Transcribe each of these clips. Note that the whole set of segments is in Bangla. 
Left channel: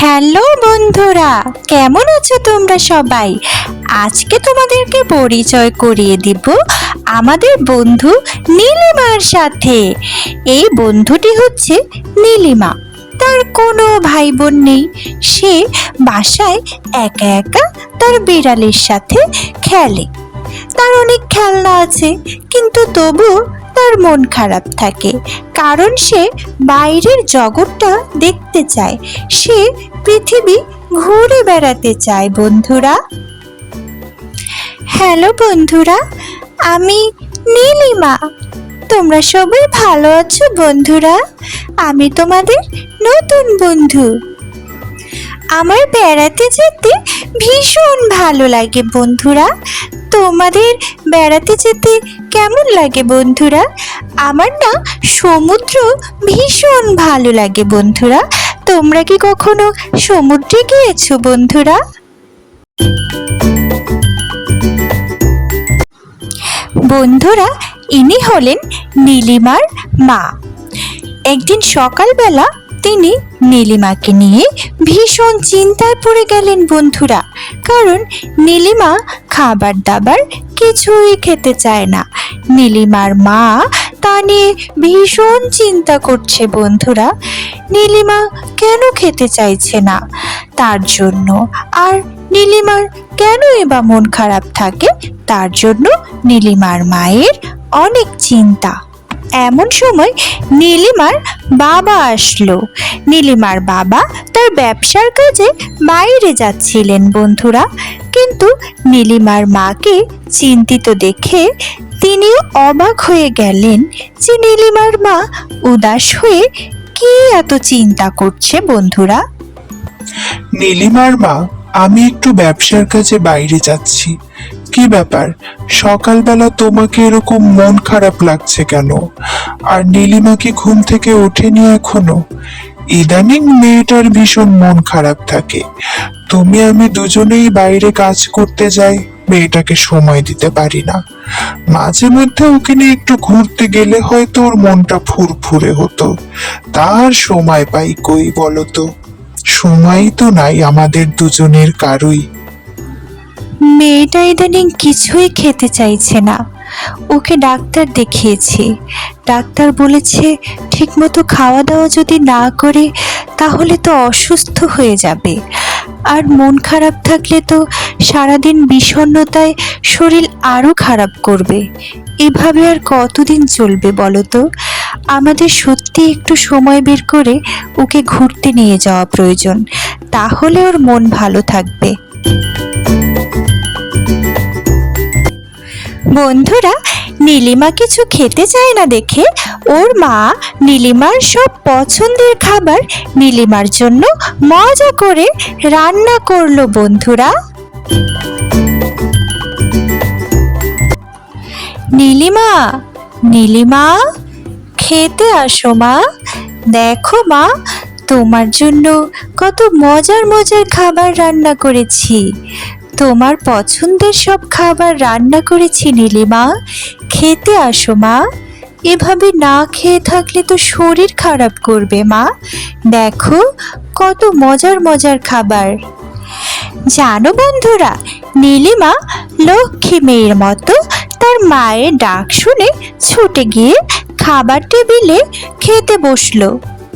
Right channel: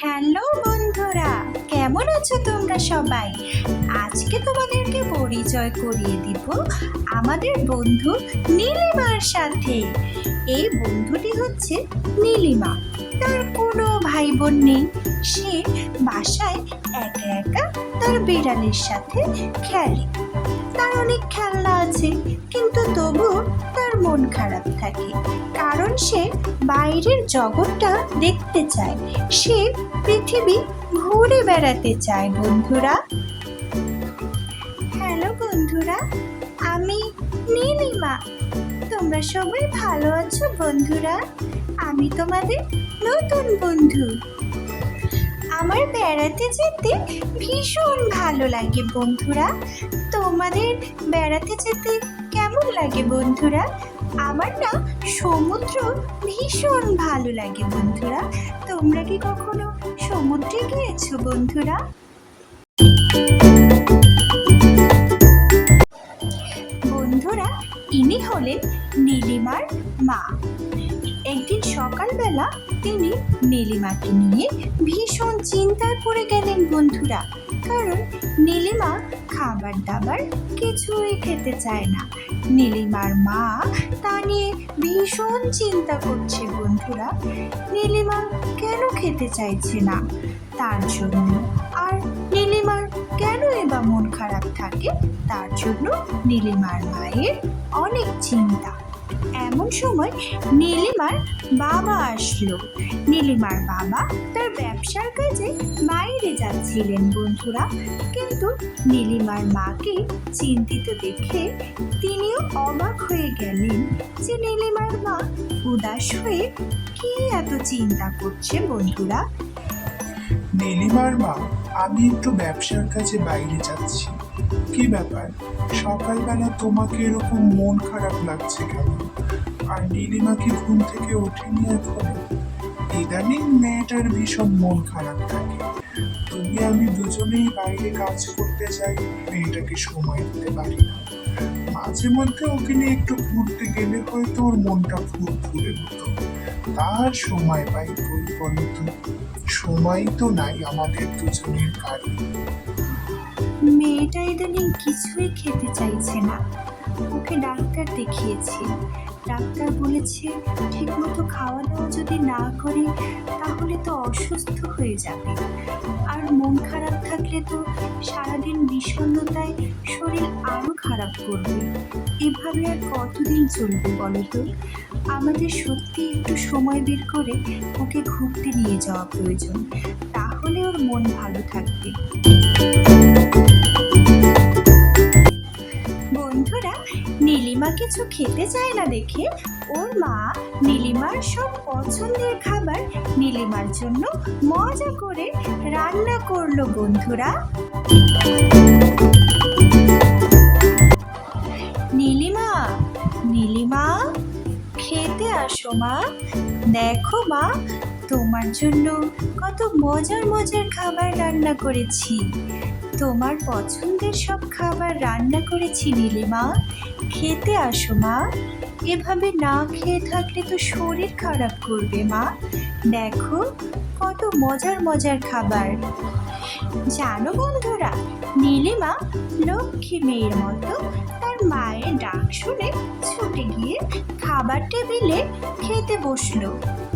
হ্যালো বন্ধুরা, কেমন আছো তোমরা সবাই? আজকে তোমাদেরকে পরিচয় করিয়ে দিব আমাদের বন্ধু নীলিমার সাথে। এই বন্ধুটি হচ্ছে নীলিমা। তার কোনো ভাই বোন নেই। সে বাসায় একা একা তার বিড়ালের সাথে খেলে। তার অনেক খেলনা আছে, কিন্তু তবু তার মন খারাপ থাকে, কারণ সে বাইরের জগৎটা দেখতে চায়। সে পৃথিবী ঘুরে বেড়াতে চায়। বন্ধুরা, হ্যালো বন্ধুরা, আমি নীলিমা। তোমরা সবাই ভালো আছো বন্ধুরা? আমি তোমাদের নতুন বন্ধু। আমার বেড়াতে যেতে ভীষণ ভালো লাগে বন্ধুরা। তোমাদের বেড়াতে যেতে কেমন লাগে বন্ধুরা? আমার না সমুদ্র ভীষণ ভালো লাগে বন্ধুরা। তোমরা কি কখনো সমুদ্রে গিয়েছো বন্ধুরা? বন্ধুরা, ইনি হলেন নীলিমার মা। একদিন সকালবেলা তিনি নীলিমাকে নিয়ে ভীষণ চিন্তায় পড়ে গেলেন বন্ধুরা, কারণ নীলিমা খাবার দাবার কিছুই খেতে চায় না। নীলিমার মা তা নিয়ে ভীষণ চিন্তা করছে বন্ধুরা। নীলিমা কেন খেতে চাইছে না তার জন্য, আর নীলিমার কেনই বা মন খারাপ থাকে তার জন্য নীলিমার মায়ের অনেক চিন্তা। এমন সময় নীলিমার বাবা আসলো। নীলিমার বাবা তার ব্যবসার কাজে বাইরে যাচ্ছিলেন বন্ধুরা, কিন্তু নীলিমার মাকে চিন্তিত দেখে তিনিও অবাক হয়ে গেলেন যে নীলিমার মা উদাস হয়ে কি এত চিন্তা করছে বন্ধুরা। নীলিমার মা, আমি একটু ব্যবসার কাজে বাইরে যাচ্ছি। কি ব্যাপার, সকালবেলা তোমাকে এরকম মন খারাপ লাগছে কেন? আর নীলিমাকে ঘুম থেকে ওঠেনি এখনো? ইদানিং মেয়েটার ভীষণ মন খারাপ থাকে। তুমি আমি দুজনেই বাইরে কাজ করতে যাই, মেয়েটাকে সময় দিতে পারি না। মাঝে মধ্যে ওকে নিয়ে একটু ঘুরতে গেলে হয়তো ওর মনটা ফুরফুরে হতো। তার সময় পাই কই বলো তো? সময় তো নাই আমাদের দুজনের কারোই। মেয়েটা ইদানিং কিছুই খেতে চাইছে না। ওকে ডাক্তার দেখিয়েছি। ডাক্তার বলেছে ঠিকমতো খাওয়া দাওয়া যদি না করে তাহলে তো অসুস্থ হয়ে যাবে। আর মন খারাপ থাকলে তো সারাদিন বিষণ্ণতায় শরীর আরও খারাপ করবে। এভাবে আর কতদিন চলবে বলো তো? আমাদের সত্যি একটু সময় বের করে ওকে ঘুরতে নিয়ে যাওয়া প্রয়োজন, তাহলে ওর মন ভালো থাকবে। বন্ধুরা, নীলিমা কিছু খেতে চায় না দেখে ওর মা নীলিমার সব পছন্দের খাবার নীলিমার জন্য মজা করে রান্না করলো বন্ধুরা। নীলিমা, নীলিমা, খেতে আসো মা। দেখো মা, তোমার জন্য কত মজার মজার খাবার রান্না করেছি। তোমার পছন্দের সব খাবার রান্না করেছি নীলিমা, খেতে আসো মা। এভাবে না খেয়ে থাকলে তো শরীর খারাপ করবে মা। দেখো কত মজার মজার খাবার। জানো বন্ধুরা, নীলিমা লক্ষ্মী মেয়ের মতো তার মায়ের ডাক শুনে ছুটে গিয়ে খাবার টেবিলে খেতে বসলো।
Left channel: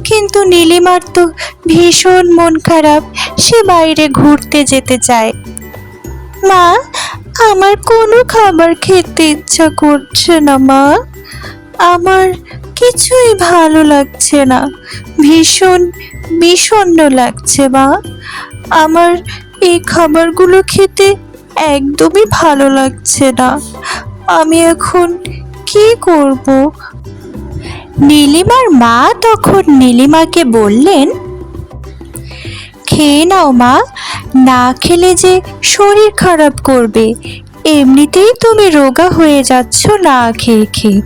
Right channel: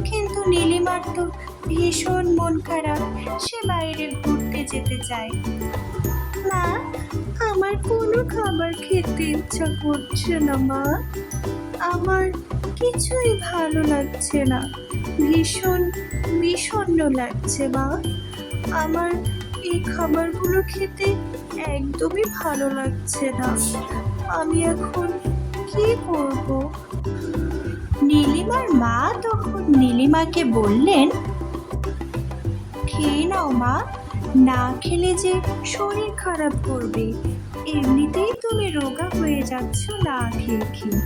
কিন্তু নীলিমার তো ভীষণ মন খারাপ। সে বাইরে ঘুরতে যেতে চায়। মা, আমার কোনো খাবার খেতে ইচ্ছা করছে না মা। আমার কিছুই ভালো লাগছে না, ভীষণ বিষণ্ণ লাগছে মা। আমার এই খাবারগুলো খেতে একদমই ভালো লাগছে না। আমি এখন কি করব? নীলিমার মা তখন নীলিমাকে বললেন, খেয়ে নাও মা, না খেলে যে শরীর খারাপ করবে। এমনিতেই তুমি রোগা হয়ে যাচ্ছ না খেয়ে খেয়ে।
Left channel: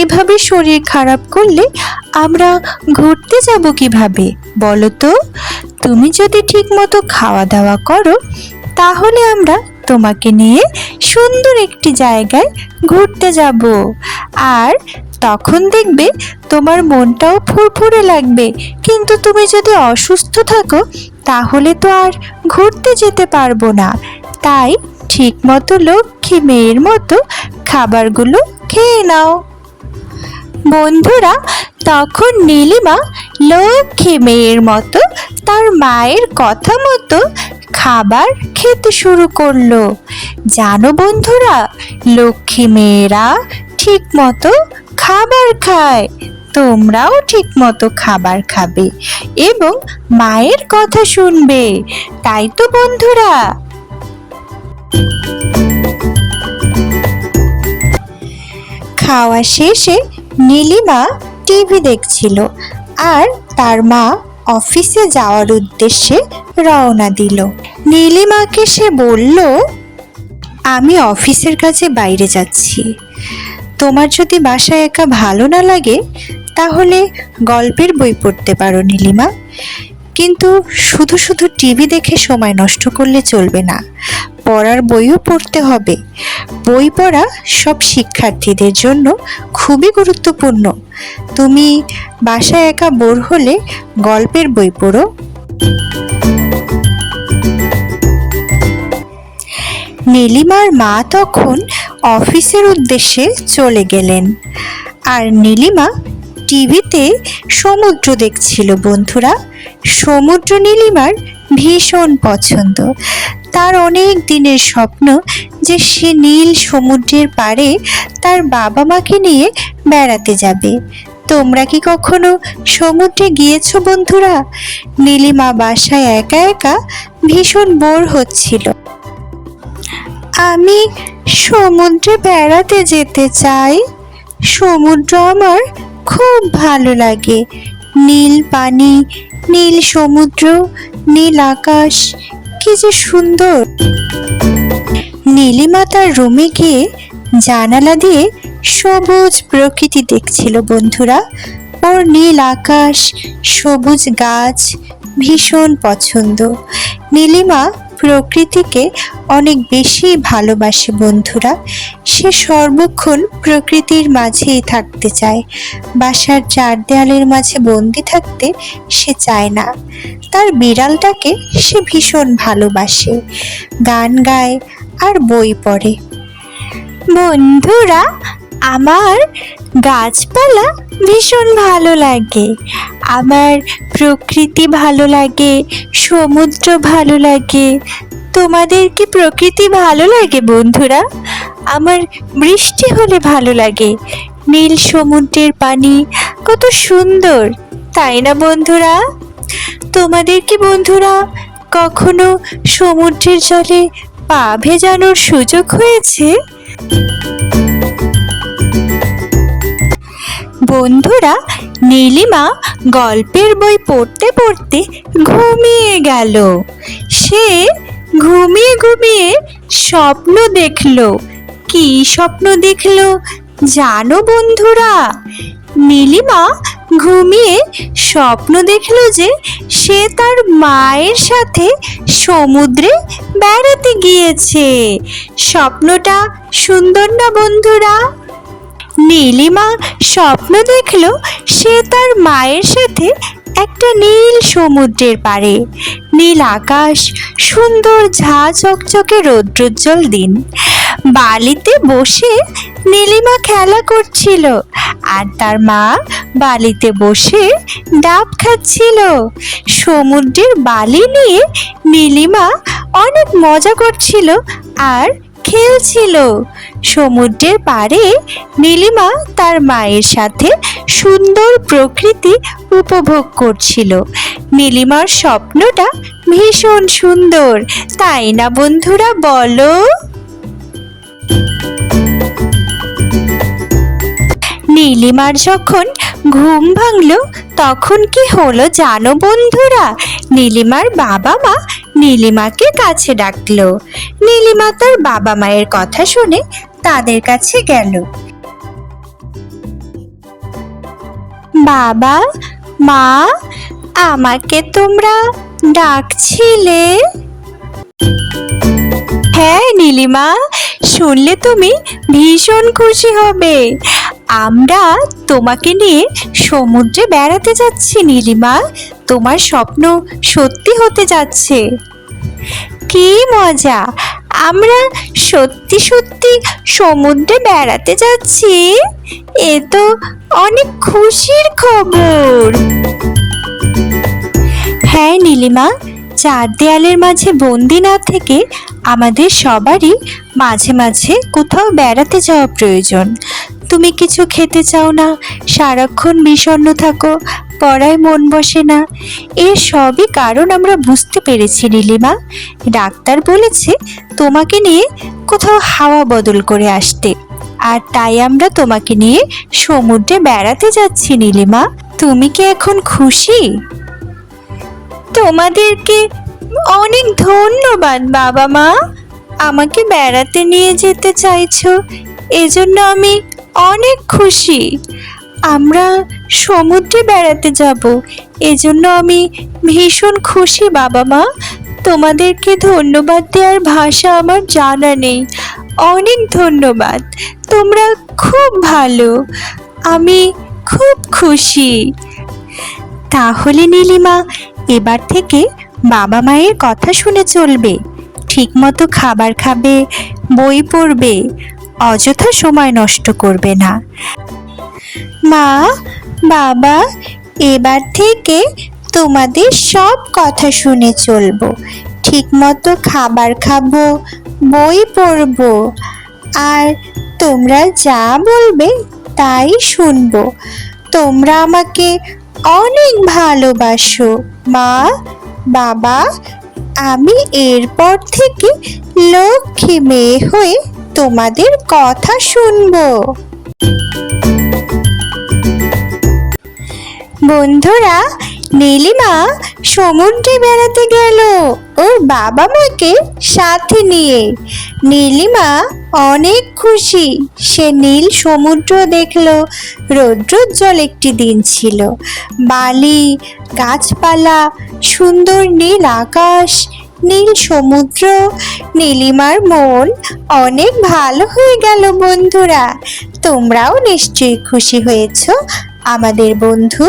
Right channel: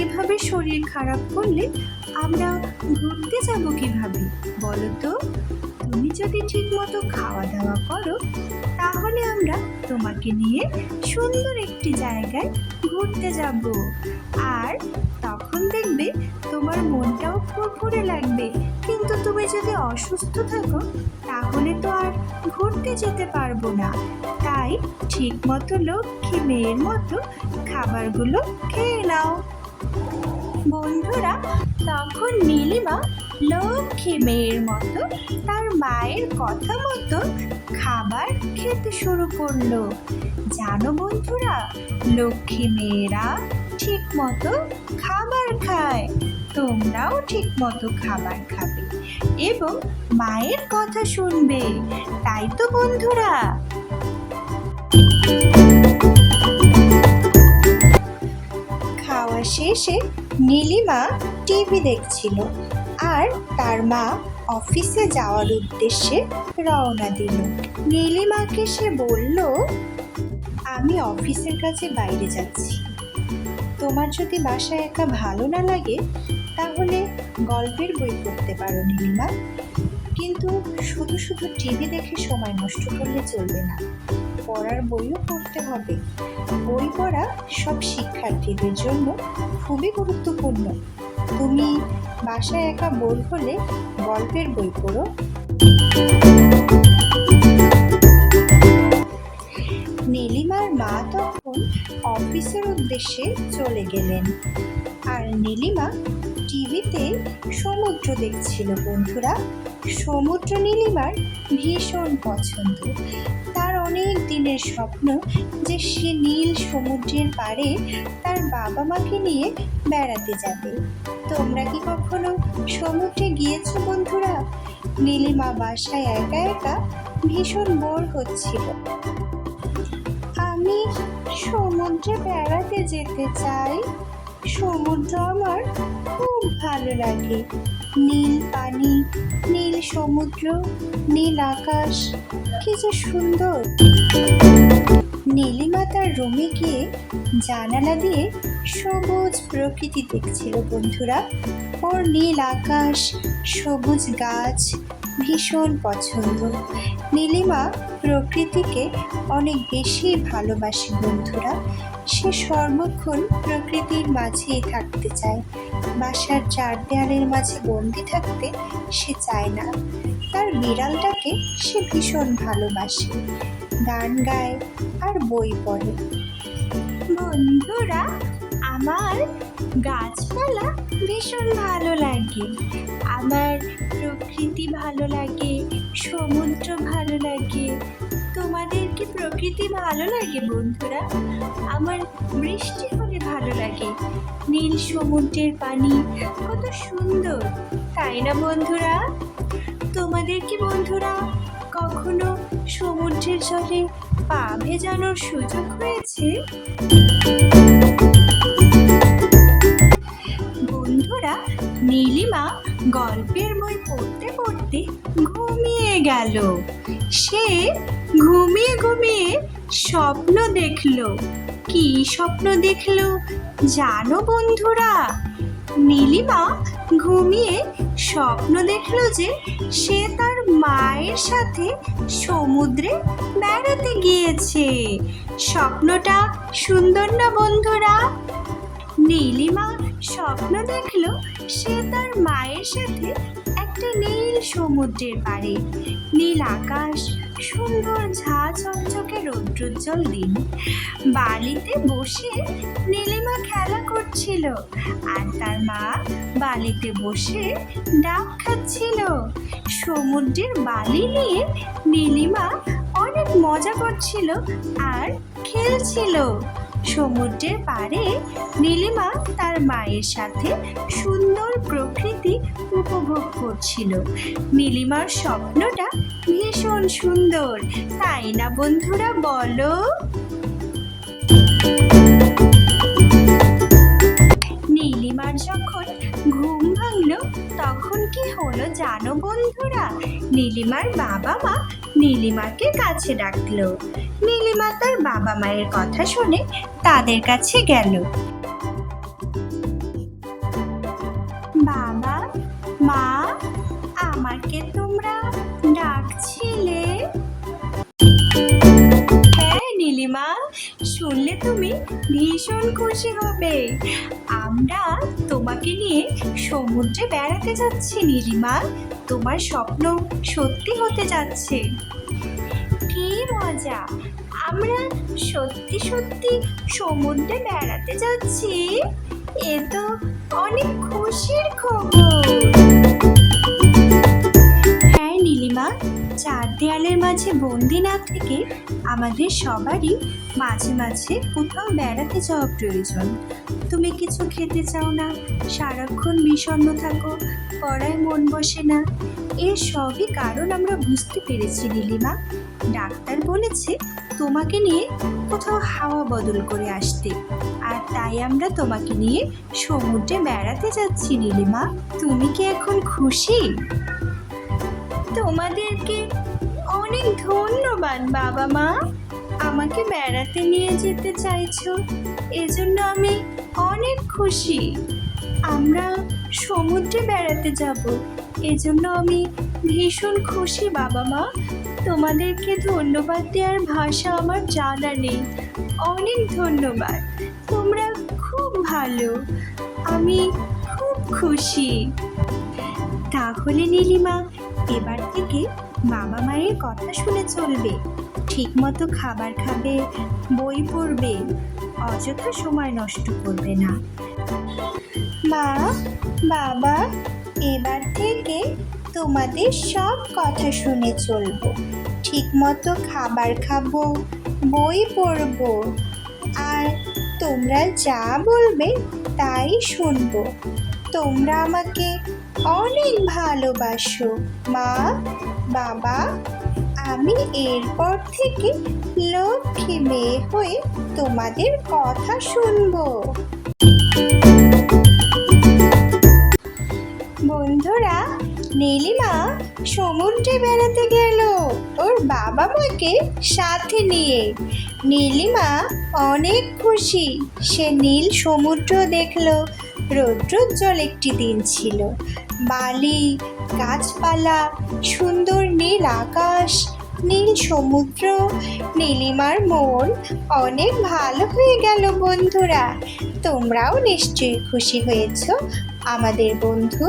এভাবে শরীর খারাপ করলে আমরা ঘুরতে যাব কিভাবে বলো তো? তুমি যদি ঠিক মতো খাওয়া দাওয়া করো তাহলে আমরা তোমাকে নিয়ে সুন্দর একটি জায়গায় ঘুরতে যাব। আর তখন দেখবে তোমার মনটাও ফুরফুরে লাগবে। কিন্তু তুমি যদি অসুস্থ থাকো তাহলে তো আর ঘুরতে যেতে পারবো না। তাই ঠিক মতো লক্ষ্মী মেয়ের মতো খাবারগুলো খেয়ে নাও। বন্ধুরা, তখন নীলিমা লক্ষ্মী মেয়ের মতো তার মায়ের কথা মতো খাবার খেতে শুরু করলো। জানো বন্ধুরা, লক্ষ্মী মেয়েরা ঠিক মতো খাবার খায়। তোমরাও ঠিক মতো খাবার খাবে এবং মায়ের কথা শুনবে, তাই তো বন্ধুরা? খাওয়া শেষে নীলিমা টিভি দেখছিল আর তার মা অফিসে যাওয়ার উদ্দেশ্যে রওনা দিল। নীলিমাকে সে বলল, আমি অফিসের কাছে বাইরে যাচ্ছি। তোমার যদি বাসায় একা ভালো না লাগে তাহলে গল্পের বই পড়তে পারো নীলিমা, কিন্তু শুধু শুধু টিভি দেখে সময় নষ্ট করলে চলবে না। পড়ার বইও পড়তে হবে। বই পড়া সব শিক্ষার্থীদের জন্য খুবই গুরুত্বপূর্ণ। তুমি বাসায় একা বোর হলে গল্পের বই পড়ো। নীলিমার মা তখন অফিসের উদ্দেশ্যে চলে গেলেন আর নীলিমা টিভিতে সমুদ্র দেখছিল। বন্ধুরা, সমুদ্র নীলিমার ভীষণ পছন্দ। তার অনেক দিনের স্বপ্ন যে সে নীল সমুদ্রের পাড়ে তার বাবা মাকে নিয়ে বেড়াতে যাবে। তোমরা কি কখনো সমুদ্রে গিয়েছো বন্ধুরা? নীলিমা বাসায় একা একা ভীষণ বোর হচ্ছিল। আমি সমুদ্রে বেড়াতে যেতে চাই। সমুদ্র আমার খুব ভালো লাগে। নীল পানি, নীল সমুদ্র, নীল আকাশ, কি যে সুন্দর। নীলিমা তার রুমে গিয়ে জানালা দিয়ে সবুজ প্রকৃতি দেখছিল। বন্ধুরা, ওর নীল আকাশ, সবুজ গাছ ভীষণ পছন্দ। নীলিমা প্রকৃতিকে অনেক বেশি ভালোবাসে। বন্ধুরা, সে সর্বক্ষণ প্রকৃতির মাঝেই থাকতে চায়। বাসার চার দেয়ালের মাঝে বন্দি থাকতে সে চায় না। তার বিড়ালটাকে সে ভীষণ ভালোবাসে, গান গায় আর বই পড়ে। বন্ধুরা, আমার গাছপালা ভীষণ ভালো লাগে, আমার প্রকৃতি ভালো লাগে, সমুদ্র ভালো লাগে। তোমাদের কি প্রকৃতি ভালো লাগে বন্ধুরা? আমার বৃষ্টি হলে ভালো লাগে। নীল সমুদ্রের পানি কত সুন্দর, তাই না বন্ধুরা? তোমাদের কি বন্ধুরা কখনো সমুদ্রের জলে পা ভেজানোর সুযোগ হয়েছে? বন্ধুরা, নীলিমা গল্পের বই পড়তে পড়তে ঘুমিয়ে গেল। সে ঘুমিয়ে ঘুমিয়ে স্বপ্ন দেখলো। কি স্বপ্ন দেখলো জানো বন্ধুরা? নীলিমা ঘুমিয়ে স্বপ্ন দেখলো যে সে তার মায়ের সাথে সমুদ্রে বেড়াতে গিয়েছে। স্বপ্নটা সুন্দর না বন্ধুরা? নীলিমা স্বপ্ন দেখলো সে তার মায়ের সাথে একটা নীল সমুদ্রের পাড়ে, নীল আকাশ, সুন্দর ঝাঁ চকচকে রৌদ্রোজ্জ্বল দিন। বালিতে বসে নীলিমা খেলা করছিল আর তার মা বালিতে বসে ডাব খাচ্ছিল। সমুদ্রের বালি নিয়ে নীলিমা অনেক মজা করছিল আর খেলছিল। সমুদ্রের পাড়ে নীলিমা তার মায়ের সাথে সুন্দর প্রকৃতি উপভোগ করছিল। নীলিমার স্বপ্নটা ভীষণ সুন্দর, তাই না বন্ধুরা বলো? নীলিমার যখন ঘুম ভাঙলো তখন কি হলো জানো বন্ধুরা? নীলিমার বাবা মা নীলিমাকে কাছে ডাকলো। নীলিমা তার বাবা মায়ের কথা শুনে তাদের কাছে গেল। বাবা মা, আমাকে তোমরা ডাকছিলে? হ্যাঁ নীলিমা, শুনলে তুমি ভীষণ খুশি হবে। আমরা তোমাকে নিয়ে সমুদ্রে বেড়াতে যাচ্ছি নীলিমা। তোমার স্বপ্ন সত্যি হতে যাচ্ছে। কি মজা! আমরা সত্যি সত্যি সমুদ্রে বেড়াতে যাচ্ছি। এ তো অনেক খুশির খবর। হ্যাঁ নীলিমা, চার দেয়ালের মাঝে বন্দি না থেকে আমাদের সবারই মাঝে মাঝে কোথাও বেড়াতে যাওয়া প্রয়োজন। তুমি কিছু খেতে চাও না, সারাক্ষণ বিষণ্ণ থাকো, পড়ায় মন বসে না। এর সবই কারণ আমরা বুঝতে পেরেছি নীলিমা। ডাক্তার বলেছে তোমাকে নিয়ে কোথাও হাওয়া বদল করে আসতে, আর তাই আমরা তোমাকে নিয়ে সমুদ্রে বেড়াতে যাচ্ছি নীলিমা। তুমি কি এখন খুশি? তোমাদেরকে অনেক ধন্যবাদ বাবা মা, আমাকে বেড়াতে নিয়ে যেতে চাইছো, এজন্য আমি অনেক খুশি। আমরা সমুদ্রে বেড়াতে যাব, এজন্য আমি ভীষণ খুশি বাবা মা। তোমাদেরকে ধন্যবাদ দেওয়ার ভাষা আমার জানা নেই। অনেক ধন্যবাদ, তোমরা খুব ভালো, আমি খুব খুশি। তাহলে নীলিমা, এবার থেকে বাবা মায়ের কথা শুনে চলবে, ঠিকমতো খাবার খাবে, বই পড়বে, অযথা সময় নষ্ট করবে না। মা, বাবা, এবার থেকে তোমাদের সব কথা শুনে চলবো, ঠিকমতো খাবার খাবো, বই পড়বো, আর তোমরা যা বলবে তাই শুনবো। তোমরা আমাকে অনেক ভালোবাসো মা, বাবা। আমি এরপর থেকে লক্ষ্মী মেয়ে হয়ে তোমাদের কথা শুনবো। বন্ধুরা, নীলিমা সমুদ্রে বেড়াতে গেল ওর বাবা মাকে সাথে নিয়ে। নীলিমা অনেক খুশি। সে নীল সমুদ্র দেখলো। রৌদ্রোজ্জ্বল একটি দিন ছিল। বালি, গাছপালা, সুন্দর নীল আকাশ, নীল সমুদ্র। নীলিমার মন অনেক ভালো হয়ে গেল। বন্ধুরা, তোমরাও নিশ্চয়ই খুশি হয়েছো। আমাদের বন্ধু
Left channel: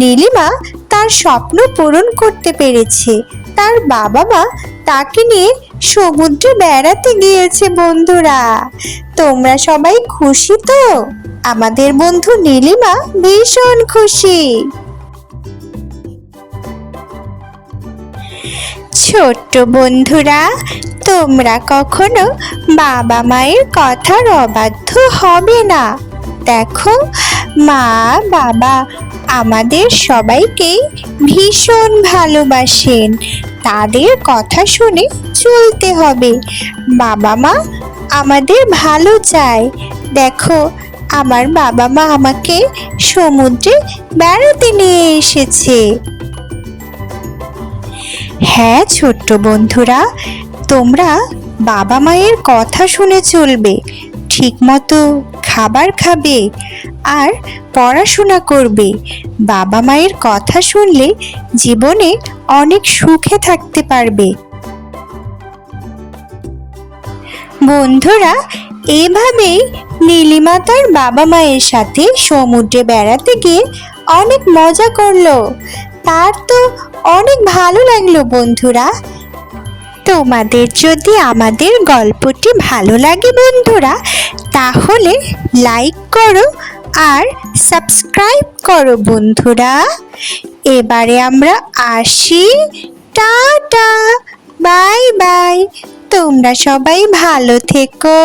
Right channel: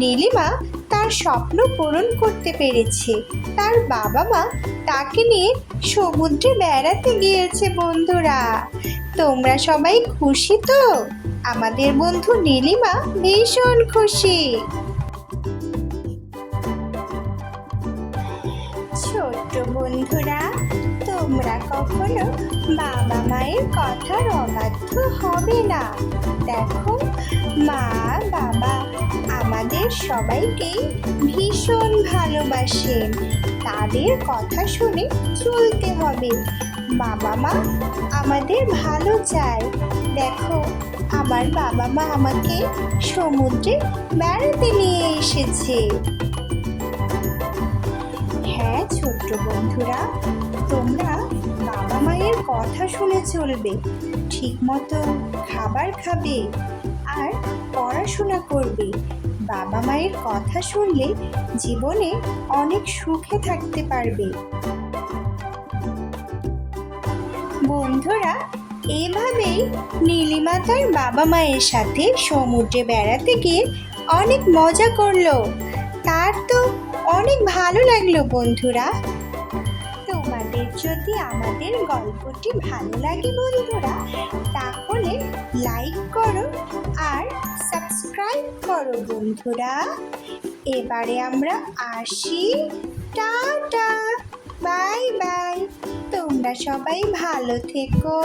নীলিমা তার স্বপ্ন পূরণ করতে পেরেছে। তার বাবা মা তাকে নিয়ে সমুদ্রে বেড়াতে গিয়েছে। বন্ধুরা, তোমরা সবাই খুশি তো? আমাদের বন্ধু নীলিমা ভীষণ খুশি। ছোট্ট বন্ধুরা, তোমরা কখনো বাবা মায়ের কথার অবাধ্য হবে না। দেখো, মা বাবা আমাদের সবাইকে ভীষণ ভালোবাসেন। তাদের কথা শুনে চলতে হবে। বাবা মা আমাদের ভালো চায়। দেখো, আমার বাবা মা আমাকে সমুদ্রে বেড়াতে নিয়ে এসেছে। হ্যাঁ ছোট্ট বন্ধুরা, তোমরা বাবা মায়ের কথা শুনে চলবে, ঠিকমতো খাবার খাবে, আর পড়াশোনা করবে। বাবা মায়ের কথা শুনলে জীবনে অনেক সুখে থাকতে পারবে। বন্ধুরা, এভাবেই নীলিমা তার বাবা মায়ের সাথে সমুদ্রে বেড়াতে গিয়ে অনেক মজা করলো। তার তো অনেক ভালো লাগলো। বন্ধুরা, তোমাদের যদি আমাদের গল্পটি ভালো লাগে বন্ধুরা, তাহলে লাইক করো আর সাবস্ক্রাইব করো বন্ধুরা। এবারে আমরা আসি। Tata, bye bye. তোমরা সবাই ভালো থেকো।